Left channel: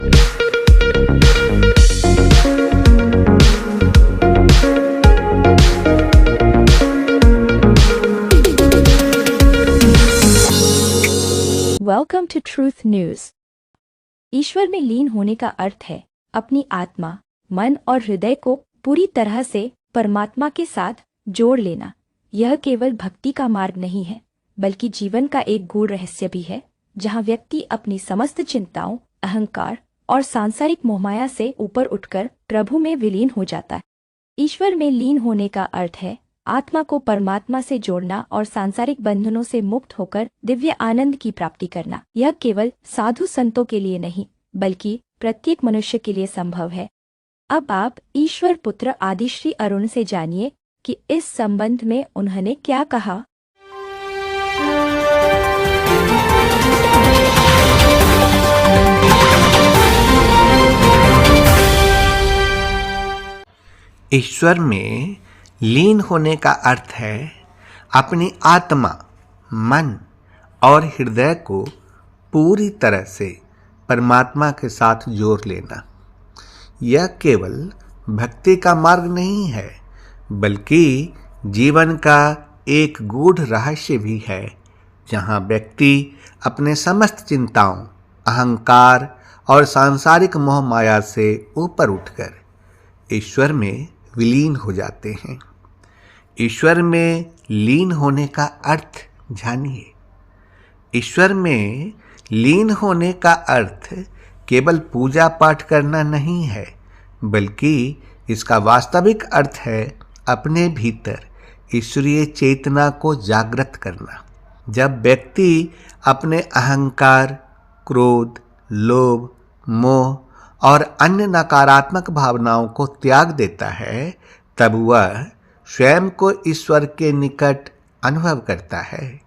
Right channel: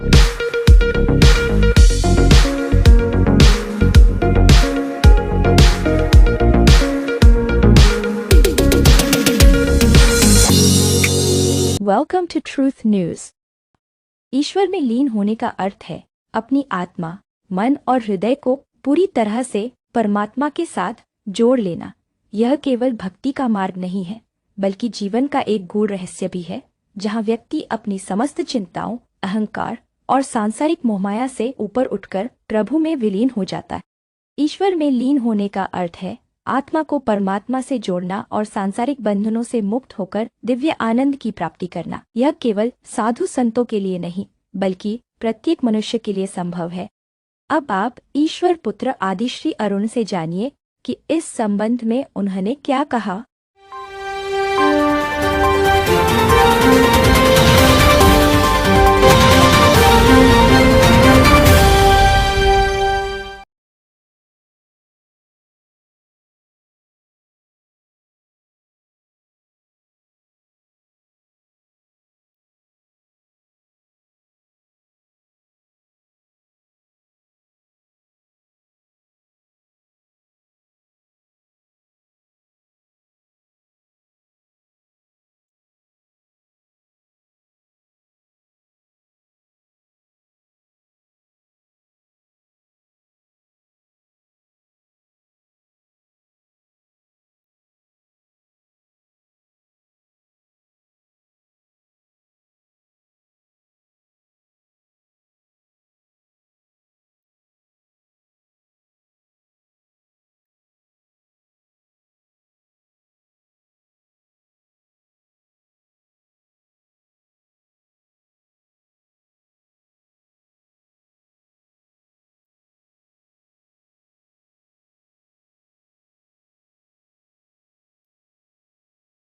Welcome to truth news. ईश्वर में लीन होने का अर्थ है अपनी आत्मा, मन और हृदय को पूरी तरह से परमात्मा के साथ जोड़ लेना। यह केवल भक्ति का मार्ग नहीं है, बल्कि जीवन का एक गूढ़ रहस्य भी है, जहां व्यक्ति अपनी समस्त चिंताओं, अहंकार और सांसारिक मोहमाया से ऊपर उठकर प्रभु में विलीन हो जाता है। ईश्वर में लीन होने का अर्थ है आत्मा को परमात्मा से जोड़ना और सांसारिक बंधनों से मुक्त होकर दिव्य आनंद की प्राप्ति करना। यह केवल साधु संतों के लिए नहीं, बल्कि प्रत्येक मनुष्य के लिए संभव है। अब आप ईश्वर पुत्र आदि श्री अरुण से जानिए कि इस संबंध में उन्होंने क्या कहा। ईश्वर में लीन होने का अर्थ है अपनी आत्मा, मन और हृदय को पूरी तरह से परमात्मा के साथ जोड़ लेना। यह केवल भक्ति का मार्ग नहीं है, बल्कि जीवन का एक गूढ़ रहस्य भी है, जहाँ व्यक्ति अपने समस्त चिंताओं, अहंकार और सांसारिक मोह माया से ऊपर उठकर ईश्वर में विलीन हो जाते हैं। ईश्वर में लीन होने का अर्थ जानिए। ईश्वर में लीन होने का अर्थ केवल पूजा पाठ करना नहीं है, बल्कि इसका वास्तविक अर्थ है अपने भीतर ईश्वरीय चेतना को जागृत करना। जब व्यक्ति अपने अहंकार, क्रोध, लोभ, मोह और अन्य नकारात्मक भावनाओं को त्याग देता है, तब वह स्वयं को ईश्वर के निकट अनुभव करता है।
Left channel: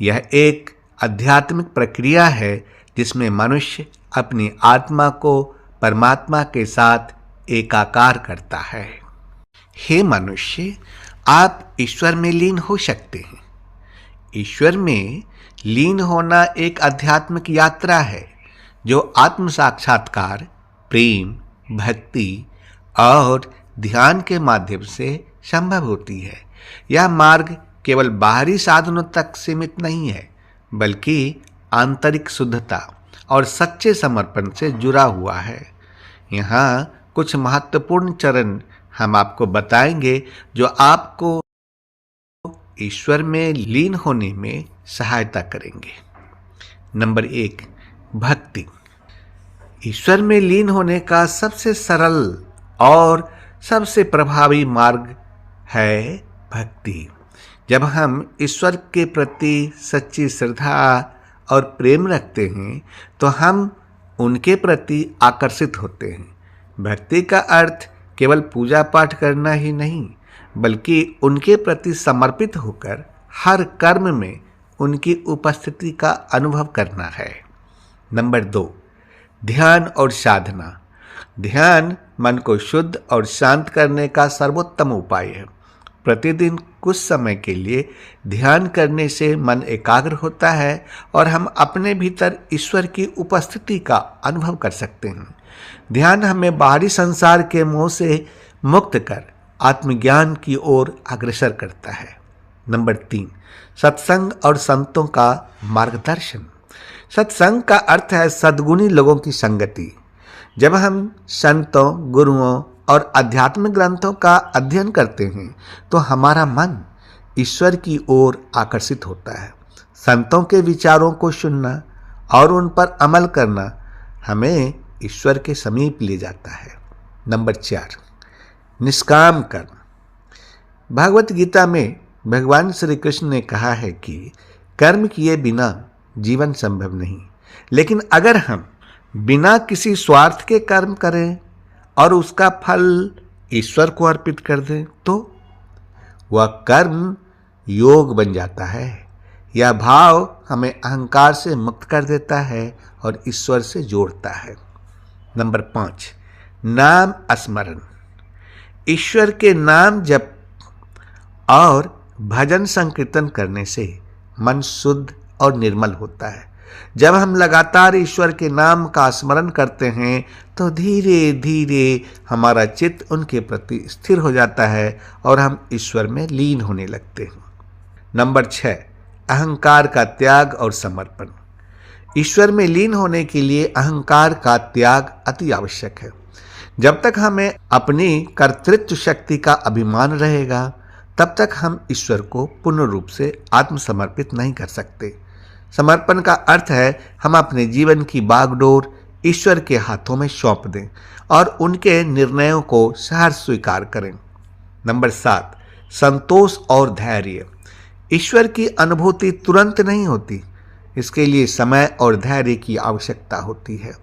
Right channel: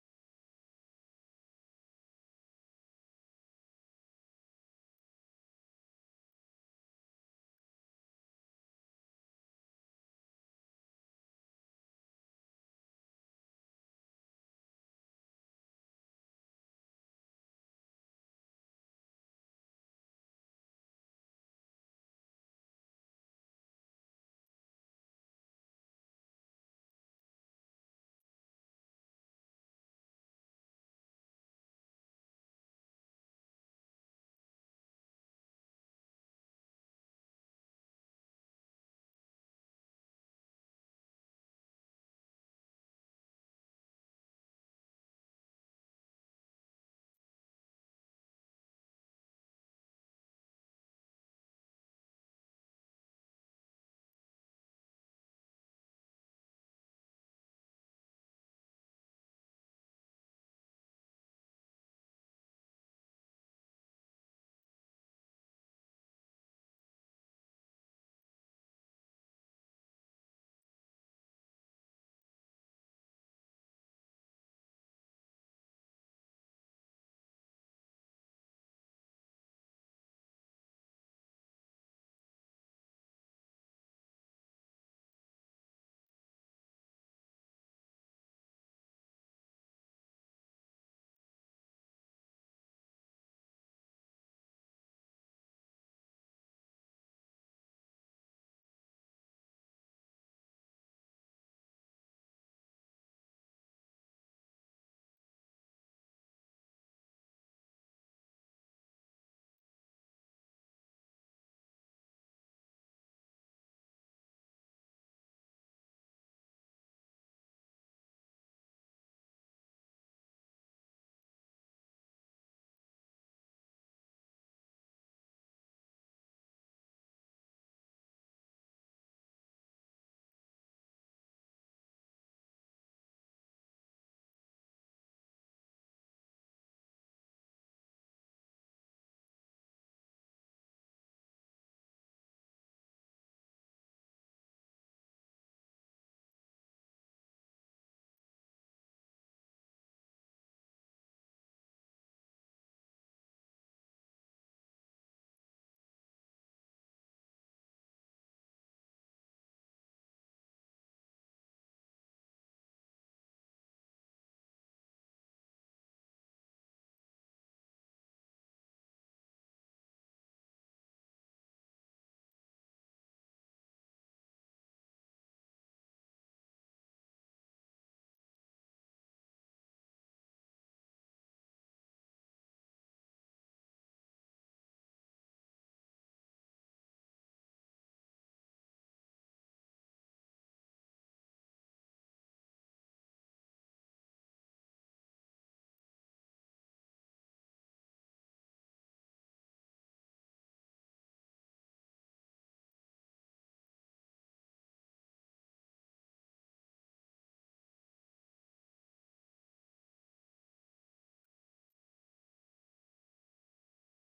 यह एक आध्यात्मिक प्रक्रिया है जिसमें मनुष्य अपनी आत्मा को परमात्मा के साथ एकाकार करता है। हे मनुष्य, आप ईश्वर में लीन हो सकते हैं। ईश्वर में लीन होना एक आध्यात्मिक यात्रा है जो आत्म साक्षात्कार, प्रेम, भक्ति और ध्यान के माध्यम से संभव होती है। यह मार्ग केवल बाहरी साधनों तक सीमित नहीं है, बल्कि आंतरिक शुद्धता और सच्चे समर्पण से जुड़ा हुआ है। यहाँ कुछ महत्वपूर्ण चरण हम आपको बताएंगे जो आपको ईश्वर में लीन होने में सहायता करेंगे। नंबर 1, भक्ति। ईश्वर में लीन होने का सबसे सरल और सबसे प्रभावी मार्ग है भक्ति। जब हम ईश्वर के प्रति सच्ची श्रद्धा और प्रेम रखते हैं, तो हम उनके प्रति आकर्षित होते हैं। भक्ति का अर्थ केवल पूजा पाठ करना ही नहीं, बल्कि उनके प्रति समर्पित होकर हर कर्म में उनकी उपस्थिति का अनुभव करना है। नंबर 2, ध्यान और साधना। ध्यान मन को शुद्ध और शांत करने का सर्वोत्तम उपाय है। प्रतिदिन कुछ समय के लिए ध्यान करने से मन एकाग्र होता है और हम अपने भीतर ईश्वर की उपस्थिति का अनुभव कर सकते हैं। ध्यान हमें बाहरी संसार के मोह से मुक्त कर आत्मज्ञान की ओर अग्रसर करता है। नंबर 3, सत्संग और संतों का मार्गदर्शन। सत्संग का अर्थ है सद्गुणी लोगों की संगति। जब हम संतों, गुरुओं और आध्यात्मिक ग्रंथों का अध्ययन करते हैं, तो हमारा मन ईश्वर की ओर आकर्षित होता है। संतों के विचारों को सुनना और उन पर अमल करना हमें ईश्वर के समीप ले जाता है। नंबर 4, निष्काम कर्म। भगवत गीता में भगवान श्री कृष्ण ने कहा है कि कर्म किए बिना जीवन संभव नहीं, लेकिन अगर हम बिना किसी स्वार्थ के कर्म करें और उसका फल ईश्वर को अर्पित कर दें, तो वह कर्म योग बन जाता है। यह भाव हमें अहंकार से मुक्त कर देता है और ईश्वर से जोड़ता है। नंबर 5, नाम स्मरण। ईश्वर के नाम जप और भजन संकीर्तन करने से मन शुद्ध और निर्मल होता है। जब हम लगातार ईश्वर के नाम का स्मरण करते हैं तो धीरे धीरे हमारा चित्त उनके प्रति स्थिर हो जाता है और हम ईश्वर में लीन होने लगते हैं। नंबर 6, अहंकार का त्याग और समर्पण। ईश्वर में लीन होने के लिए अहंकार का त्याग अति आवश्यक है। जब तक हमें अपनी कर्तृत्व शक्ति का अभिमान रहेगा तब तक हम ईश्वर को पूर्ण रूप से आत्मसमर्पित नहीं कर सकते। समर्पण का अर्थ है हम अपने जीवन की बागडोर ईश्वर के हाथों में सौंप दें और उनके निर्णयों को सहर्ष स्वीकार करें। नंबर 7, संतोष और धैर्य। ईश्वर की अनुभूति तुरंत नहीं होती, इसके लिए समय और धैर्य की आवश्यकता होती है।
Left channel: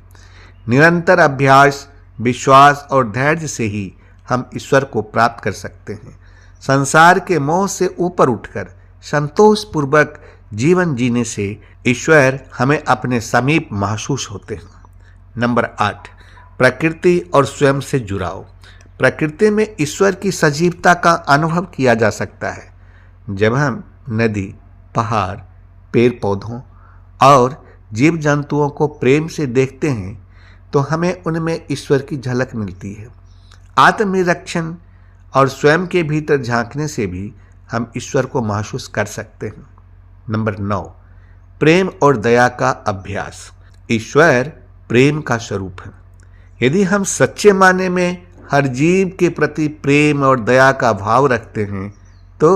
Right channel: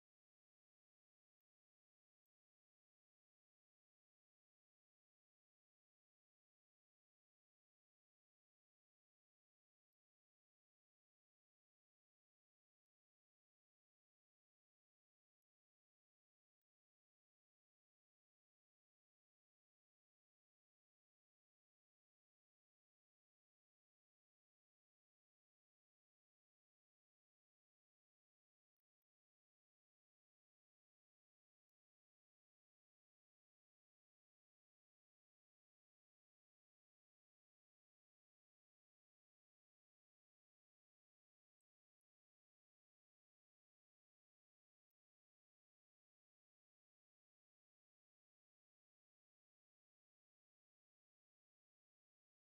निरंतर अभ्यास, विश्वास और धैर्य से ही हम ईश्वर को प्राप्त कर सकते हैं। संसार के मोह से ऊपर उठकर संतोषपूर्वक जीवन जीने से ईश्वर हमें अपने समीप महसूस होते हैं। नंबर 8, प्रकृति और स्वयं से जुड़ाव। प्रकृति में ईश्वर की सजीवता का अनुभव किया जा सकता है। जब हम नदी, पहाड़, पेड़ पौधों और जीव जंतुओं को प्रेम से देखते हैं तो हमें उनमें ईश्वर की झलक मिलती है। आत्मनिरीक्षण और स्वयं के भीतर झांकने से भी हम ईश्वर को महसूस कर सकते हैं। नंबर 9, प्रेम और दया का अभ्यास। ईश्वर प्रेम का स्वरूप है। यदि हम सच्चे माने में हर जीव के प्रति प्रेम और दया का भाव रखते हैं तो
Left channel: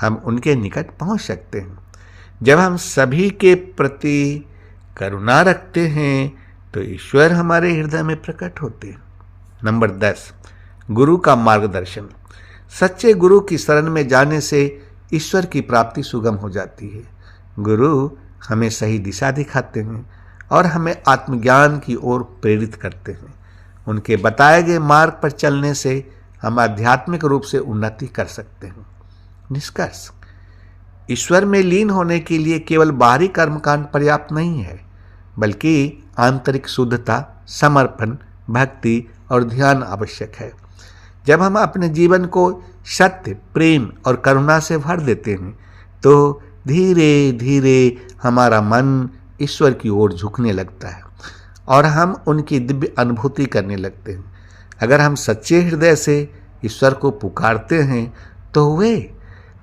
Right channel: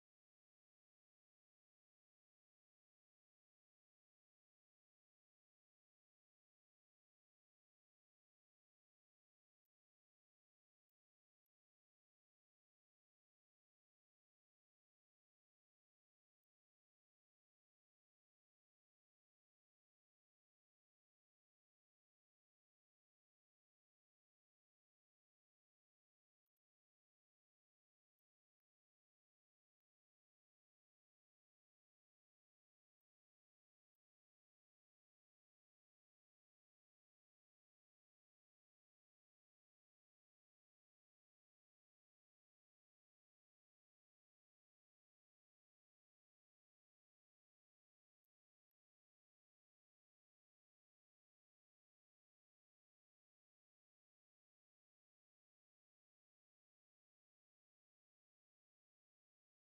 हम उनके निकट पहुंच सकते हैं। जब हम सभी के प्रति करुणा रखते हैं तो ईश्वर हमारे हृदय में प्रकट होते हैं। नंबर 10, गुरु का मार्गदर्शन। सच्चे गुरु की शरण में जाने से ईश्वर की प्राप्ति सुगम हो जाती है। गुरु हमें सही दिशा दिखाते हैं और हमें आत्मज्ञान की ओर प्रेरित करते हैं। उनके बताए गए मार्ग पर चलने से हम आध्यात्मिक रूप से उन्नति कर सकते हैं। निष्कर्ष, ईश्वर में लीन होने के लिए केवल बाहरी कर्मकांड पर्याप्त नहीं है, बल्कि आंतरिक शुद्धता, समर्पण, भक्ति और ध्यान आवश्यक है। जब हम अपने जीवन को सत्य, प्रेम और करुणा से भर देते हैं तो धीरे धीरे हमारा मन ईश्वर की ओर झुकने लगता है और हम उनकी दिव्य अनुभूति करने लगते हैं। अगर हम सच्चे हृदय से ईश्वर को पुकारते हैं तो वे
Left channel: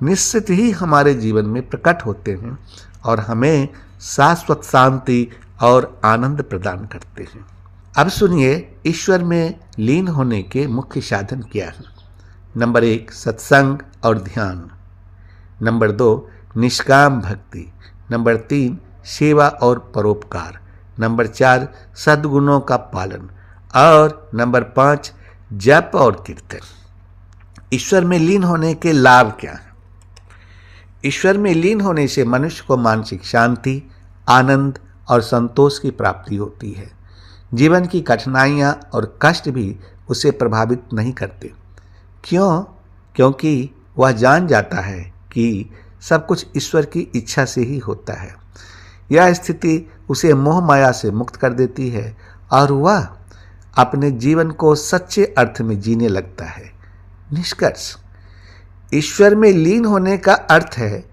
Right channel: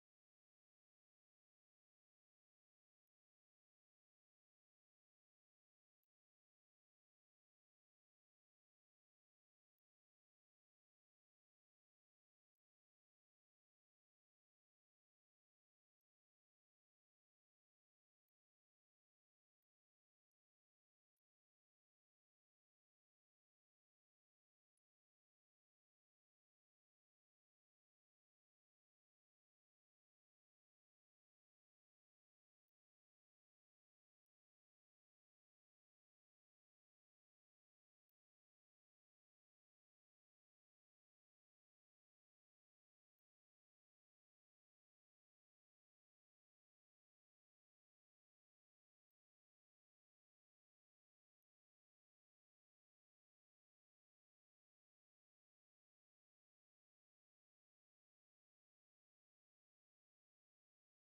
निश्चित ही हमारे जीवन में प्रकट होते हैं और हमें शाश्वत शांति और आनंद प्रदान करते हैं। अब सुनिए ईश्वर में लीन होने के मुख्य साधन क्या हैं। नंबर 1, सत्संग और ध्यान। नंबर 2, निष्काम भक्ति। नंबर 3, सेवा और परोपकार। नंबर 4, सद्गुणों का पालन। और नंबर 5, जप और कीर्तन। ईश्वर में लीन होने के लाभ क्या हैं? ईश्वर में लीन होने से मनुष्य को मानसिक शांति, आनंद और संतोष की प्राप्ति होती है। जीवन की कठिनाइयाँ और कष्ट भी उसे प्रभावित नहीं करते। क्यों? क्योंकि वह जान जाता है कि सब कुछ ईश्वर की इच्छा से ही होता है। यह स्थिति उसे मोह माया से मुक्त कर देती है और वह अपने जीवन को सच्चे अर्थ में जीने लगता है। निष्कर्ष, ईश्वर में लीन होने का अर्थ है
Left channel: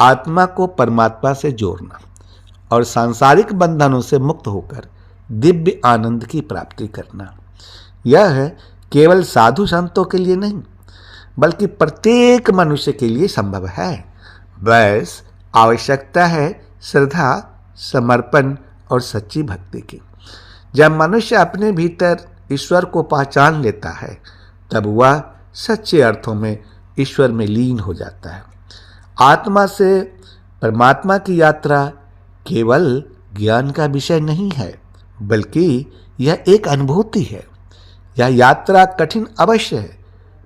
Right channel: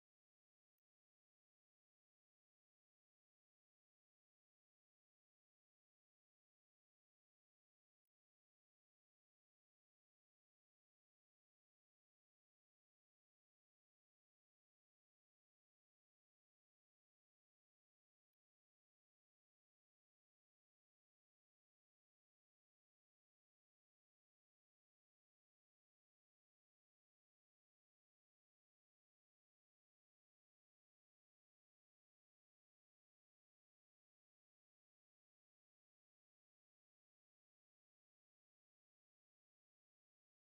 आत्मा को परमात्मा से जोड़ना और सांसारिक बंधनों से मुक्त होकर दिव्य आनंद की प्राप्ति करना। यह केवल साधु संतों के लिए नहीं, बल्कि प्रत्येक मनुष्य के लिए संभव है। बस आवश्यकता है श्रद्धा, समर्पण और सच्ची भक्ति की। जब मनुष्य अपने भीतर ईश्वर को पहचान लेता है तब वह सच्चे अर्थों में ईश्वर में लीन हो जाता है। आत्मा से परमात्मा की यात्रा केवल ज्ञान का विषय नहीं है, बल्कि यह एक अनुभूति है। यह यात्रा कठिन अवश्य है,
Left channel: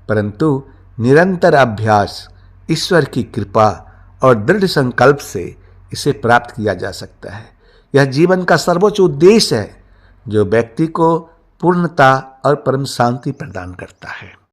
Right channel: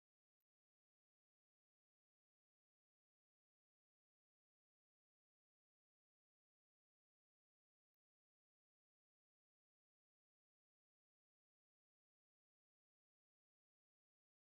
परंतु निरंतर अभ्यास, ईश्वर की कृपा और दृढ़ संकल्प से इसे प्राप्त किया जा सकता है। यह जीवन का सर्वोच्च उद्देश्य है जो व्यक्ति को पूर्णता और परम शांति प्रदान करता है।